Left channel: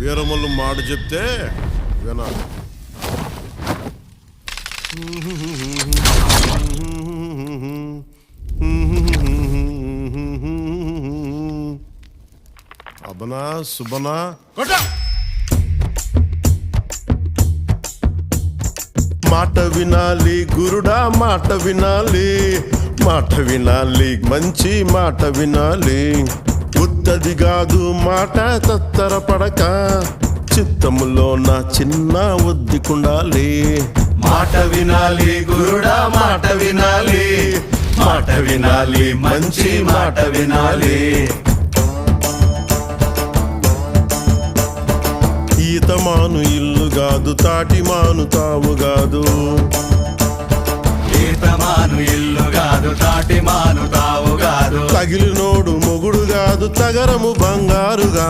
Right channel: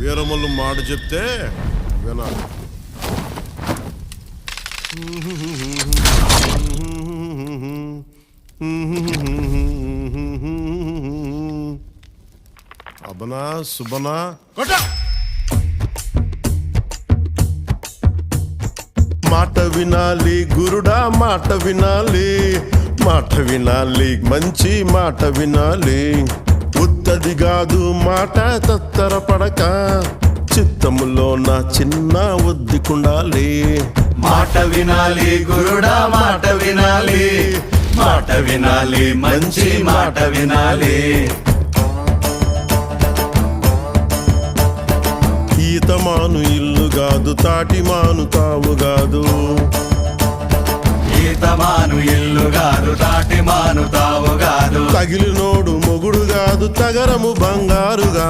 వీరమల్లు మాట చెప్తే వినాలి. అబనా సుబనా కొట్ట. మాట వినాలి గురుడా, మాట వినాలి, మాట వినాలి, మంచి మాట వినాలి. ఉత్తది కాదు మాట తత్తర పడక, చిత్తములో నా చిన్న ఒద్దికుండాలి. మాట వినాలి గురుడా, మాట వినాలి, మాట వినాలి, మంచి మాట వినాలి. ఈతమాను ఇల్లు కాదు, తాటిమాను తావు కాదు. ఈతమాను ఇల్లు కాదు, తాటిమాను తావు కాదు. తగిలినోడు మొగుడు కాదు, తగరము బంగారుగా.